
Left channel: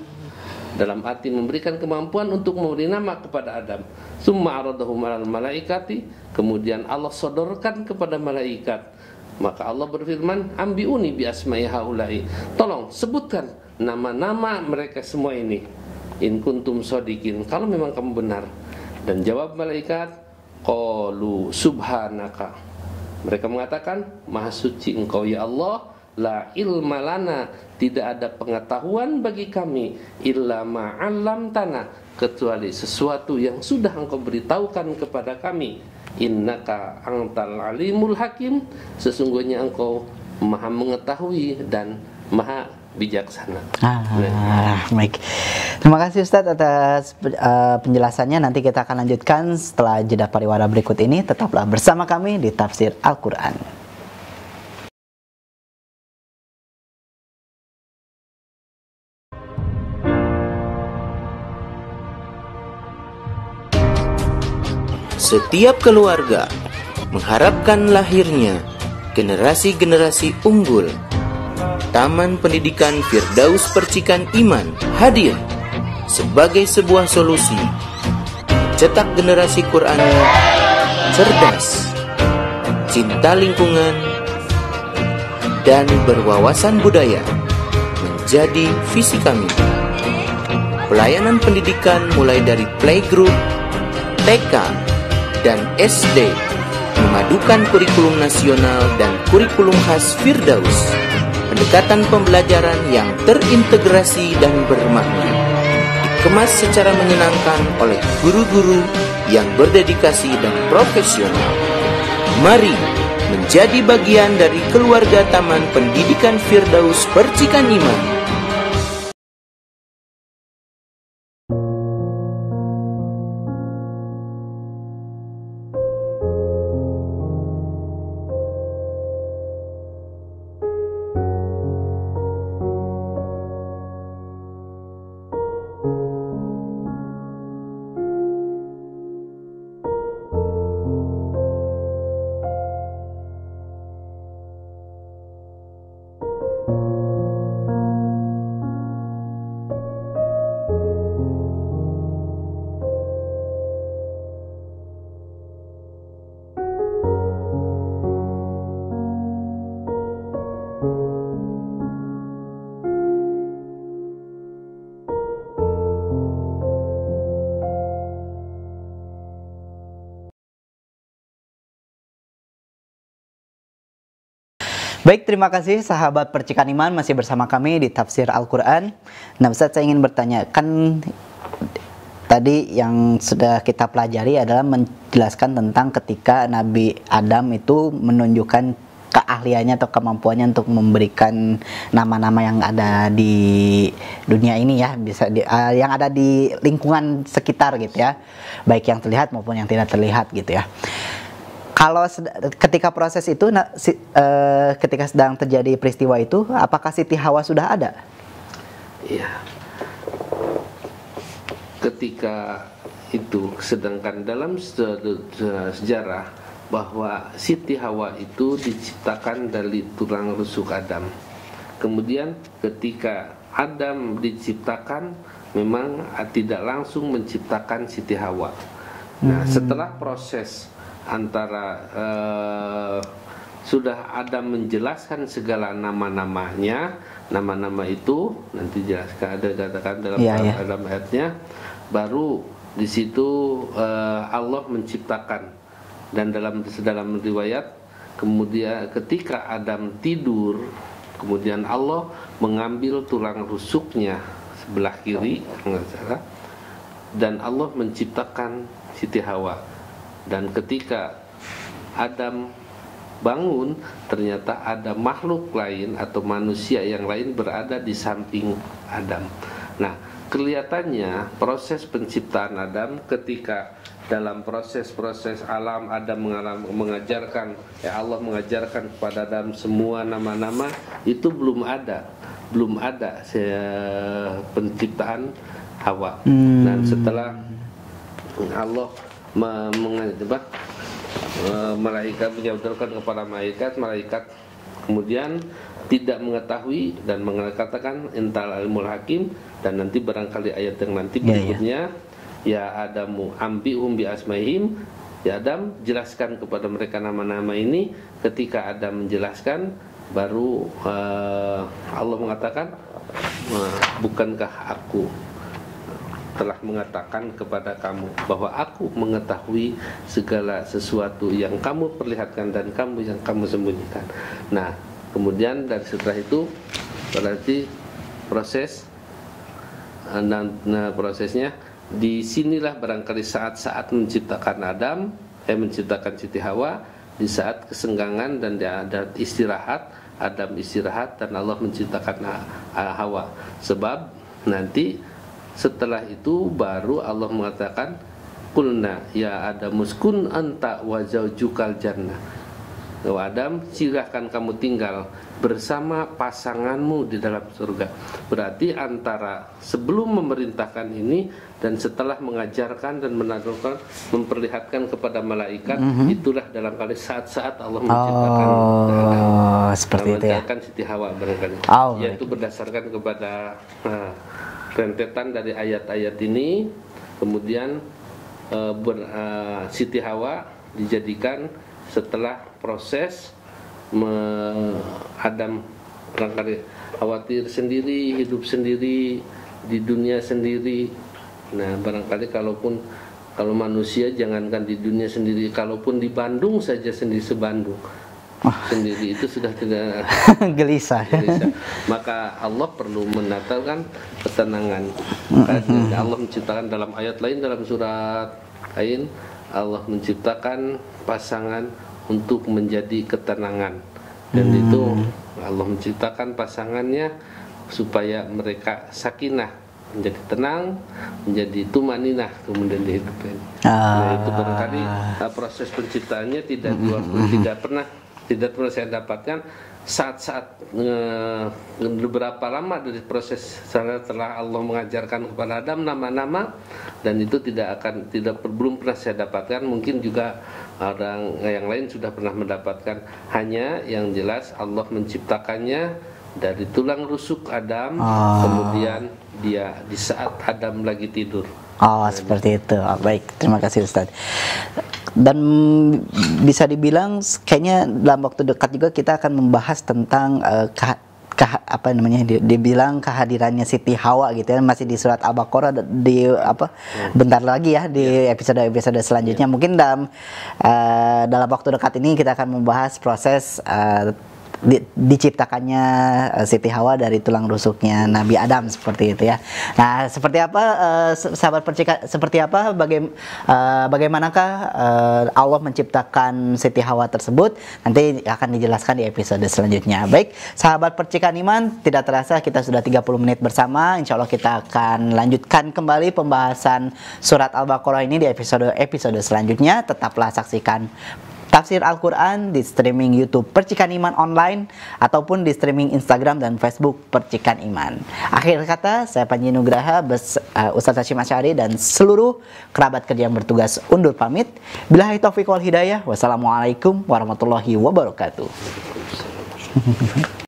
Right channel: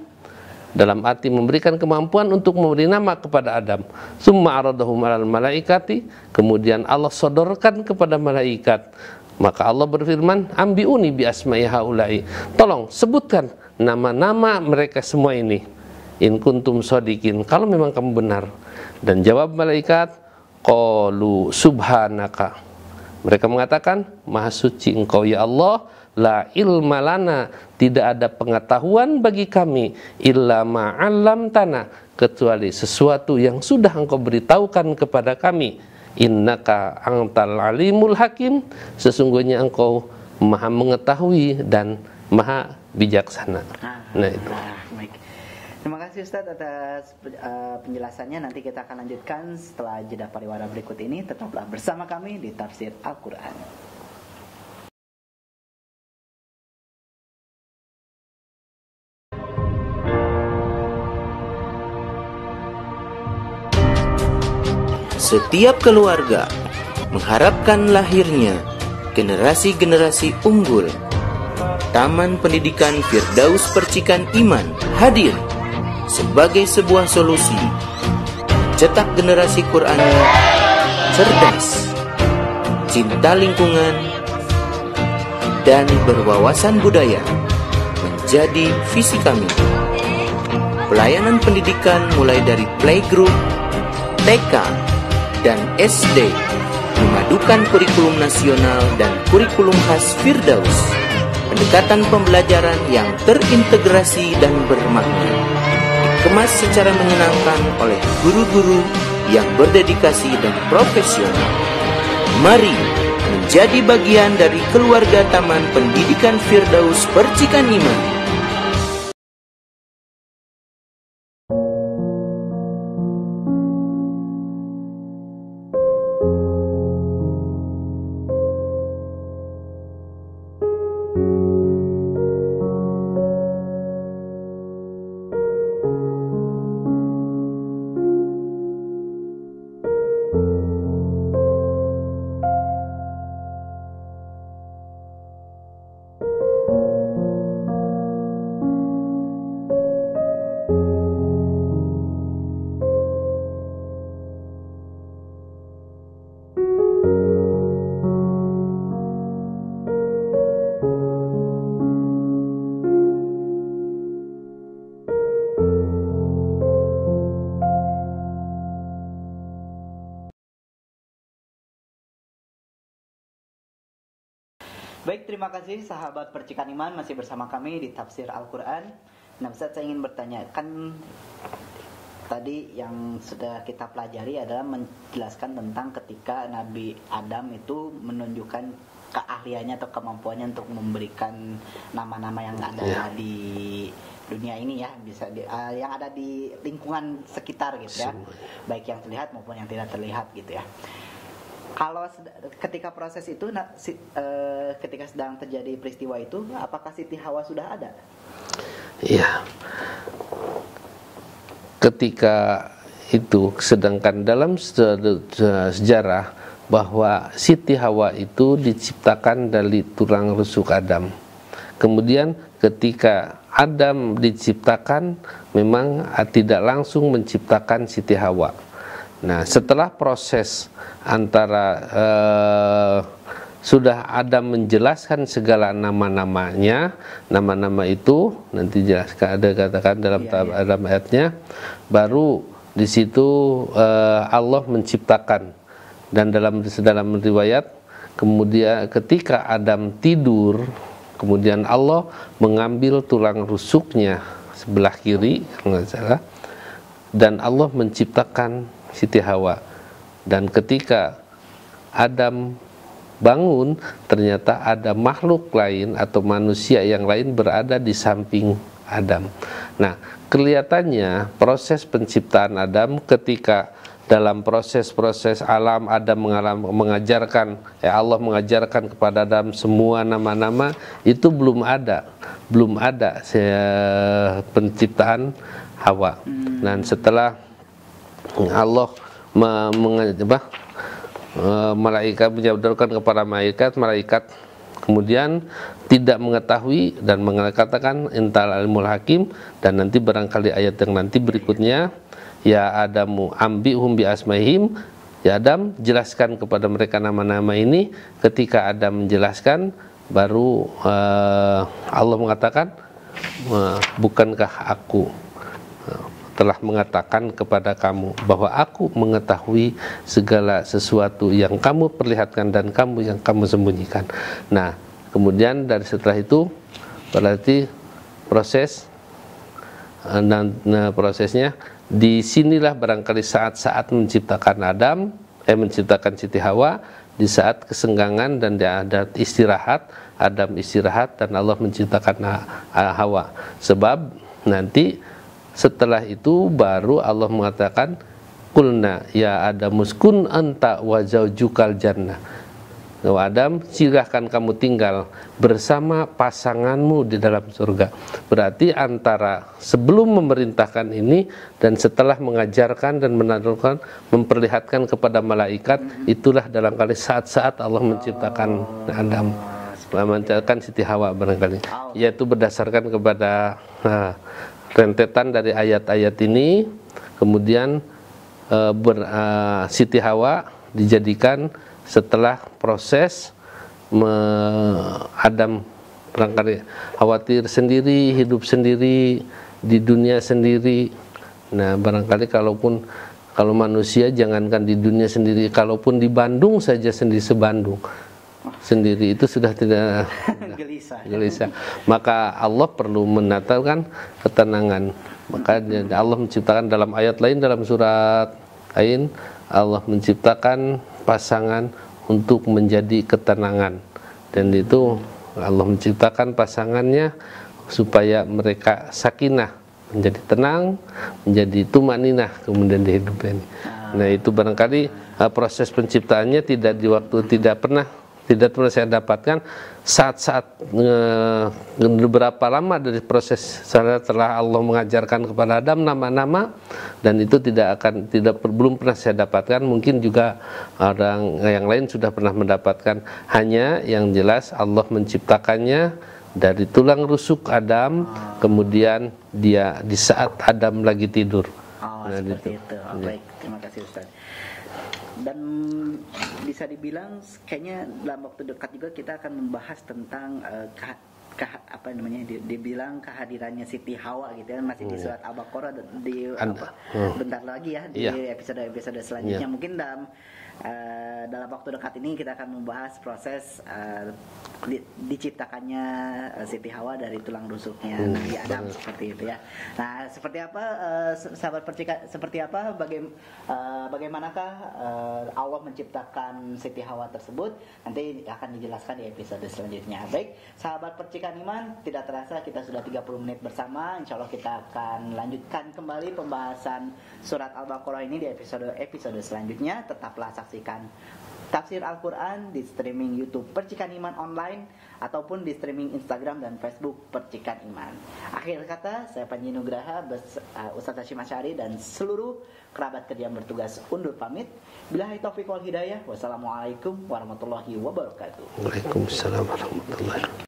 dalam arti memberikan kemampuan untuk memberi nama kepada Adam. Thumma aradahum alal malaikati, kemudian Allah sodorkan kepada malaikat. Maka Allah berfirman, ambiuni bi asma'i haula'i, tolong sebutkan nama-nama mereka semua ini. in kuntum shodiqin, kalau memang kamu benar. Dan jawab malaikat, qalu subhanaka, mereka mengatakan, maha suci engkau ya Allah, la ilma lana, tidak ada pengetahuan bagi kami, illa ma'allam tanah, kecuali sesuatu yang sudah engkau beritahukan kepada kami. Innaka antal alimul hakim, sesungguhnya engkau maha mengetahui dan maha bijaksana. Baik. Terima kasih Ustadz atas penjelasannya. Nanti kita akan lanjutkan setelah jeda pariwara berikut ini. Tetaplah bersama kami di Tafsir Al-Quran. Setiap keluarga mengharapkan lahirnya generasi-generasi unggul. Taman Pendidikan Firdaus Percikan Iman hadir sebagai sebuah solusi mencetak generasi Quran cerdas, cinta lingkungan, dan berwawasan budaya menjadi visi kami. Pelayanan pendidikan mulai dari playgroup, TK, dan SD, memadukan kurikulum nasional dan kurikulum khas Firdaus. Pendekatan pembelajaran yang terintegrasi dan bermakna, dikemas secara menyenangkan oleh guru-guru yang berdedikasi dan profesional. Mari menjadi bagian dari keluarga Taman Pendidikan Firdaus Percikan Iman. Baik, terima kasih sahabat Percikan Iman, masih bersama kami di Tafsir Al-Quran. Nah Ustaz, saya ingin bertanya, kan tadi yang sudah kita pelajari adalah menjelaskan tentang ketika Nabi Adam itu menunjukkan keahliannya atau kemampuannya untuk memberikan nama-nama yang ada di dunia ini ya, bisa yang ada di lingkungan sekitar gitu ya, baik yang terlihat maupun yang tidak terlihat gitu ya. Kalau ketika proses itu, ketika sedang terjadi peristiwa itu, apakah Siti Hawa sudah ada? Iya. Ketika itu, sedangkan dalam sejarah bahwa Siti Hawa itu diciptakan dari tulang rusuk Adam. Kemudian ketika Adam diciptakan, memang tidak langsung menciptakan Siti Hawa. Nah, setelah proses antara sudah Adam menjelaskan segala nama-namanya, nama-nama itu nanti jelaskan, ada katakan dalam dalam ayatnya, baru di situ Allah menciptakan. Dan dalam riwayat, kemudian ketika Adam tidur, kemudian Allah mengambil tulang rusuknya sebelah kiri, nggak salah, dan Allah menciptakan Siti Hawa. Dan ketika Adam bangun, ternyata ada makhluk lain atau manusia yang lain berada di samping Adam. Nah, kelihatannya proses penciptaan Adam, ketika dalam proses-proses alam Adam mengajarkan, Allah mengajarkan kepada Adam semua nama-nama, itu belum ada penciptaan Hawa. Dan setelah Allah malaikat menjawabkan kepada malaikat kemudian tidak mengetahui dan mengatakan intal ilmul hakim. Dan nanti barangkali ayat yang nanti berikutnya, ya Adamu ambihum bi asmaihim, ya Adam jelaskan kepada mereka nama-nama ini. Ketika Adam menjelaskan, baru Allah mengatakan, bukankah aku telah mengatakan kepada kamu bahwa aku mengetahui segala sesuatu yang kamu perlihatkan dan yang kamu sembunyikan. Nah, kemudian dari setelah itu berarti prosesnya disinilah barangkali saat-saat menciptakan Siti Hawa, di saat kesenggangan dan ada istirahat, Adam istirahat dan Allah menciptakan Hawa. Sebab nanti setelah itu baru Allah mengatakan qulna ya Adam uskun anta wa zaujukal jannah. Adam, silahkan kamu tinggal bersama pasanganmu di dalam surga. Berarti antara sebelum memerintahkan ini dan setelah mengajarkan dan memperlihatkan kepada malaikat, itulah dalam kali saat-saat Allah menciptakan Adam, menciptakan Siti Hawa barangkali. Yaitu berdasarkan kepada rentetan dari ayat-ayat ini, kemudian Siti Hawa dijadikan setelah proses Adam barangkali khawatir sendiri, hidup sendiri di dunia sendiri. Nah, barangkali kalau manusia jangankan di dunia sendiri, kalaupun di Bandung saja sebandung sendiri itu sudah tidak gelisah. Maka Allah perlu menatakan ketenangan. Makanya Allah menciptakan dalam ayat lain, dalam surat lain Allah menciptakan pasangan untuk menjadi ketenangan, dan itu Allah menciptakan pasangannya supaya mereka sakinah, menjadi tenang, menjadi tumaninah kemudian di hidup ini. Nah, itu barangkali proses penciptaannya tidak di waktu tidak pernah saya dapatkan saat-saat beberapa lama dari proses setelah Allah mengajarkan kepada Adam nama-nama, dan itu belum pernah saya dapatkan. Mungkin juga orang yang lain sudah pernah mendapatkan. Hanya yang jelas Allah menciptakannya dari tulang rusuk Adam, kemudian dia di saat Adam lagi tidur. Seperti itu. Baik, terima kasih Ustaz. Dan bisa dibilang kayaknya dalam waktu dekat juga kita akan membahas tentang dibilang kehadirannya Siti Hawa gitu ya, masih di surat Al-Baqarah bentar lagi ya di episode selanjutnya. Mungkin dalam waktu dekat ini kita akan membahas proses diciptakannya Siti Hawa dari tulang rusuknya Nabi Adam, seperti itu ya. Nah, seperti apa sahabat percikan, bagaimanakah Allah menciptakan Siti Hawa tersebut, nanti akan dijelaskan di episode selanjutnya. Baik, sahabat percikan iman, tidak terasa kita sudah 30 menit bersama. Insya Allah kita akan lanjutkan kembali pembahasan surat Al-Baqarah ini di episode selanjutnya. Tetaplah saksikan Tafsir Al-Quran di streaming YouTube Percikan Iman Online ataupun di streaming Instagram dan Facebook Percikan Iman. Akhir kata, saya Panji Nugraha, Ustaz Hasyim Asy'ari dan seluruh kerabat kerja yang bertugas undur pamit. Billahi taufiq wal hidayah. Wassalamualaikum warahmatullahi wabarakatuh. Waalaikumsalam warahmatullahi wabarakatuh.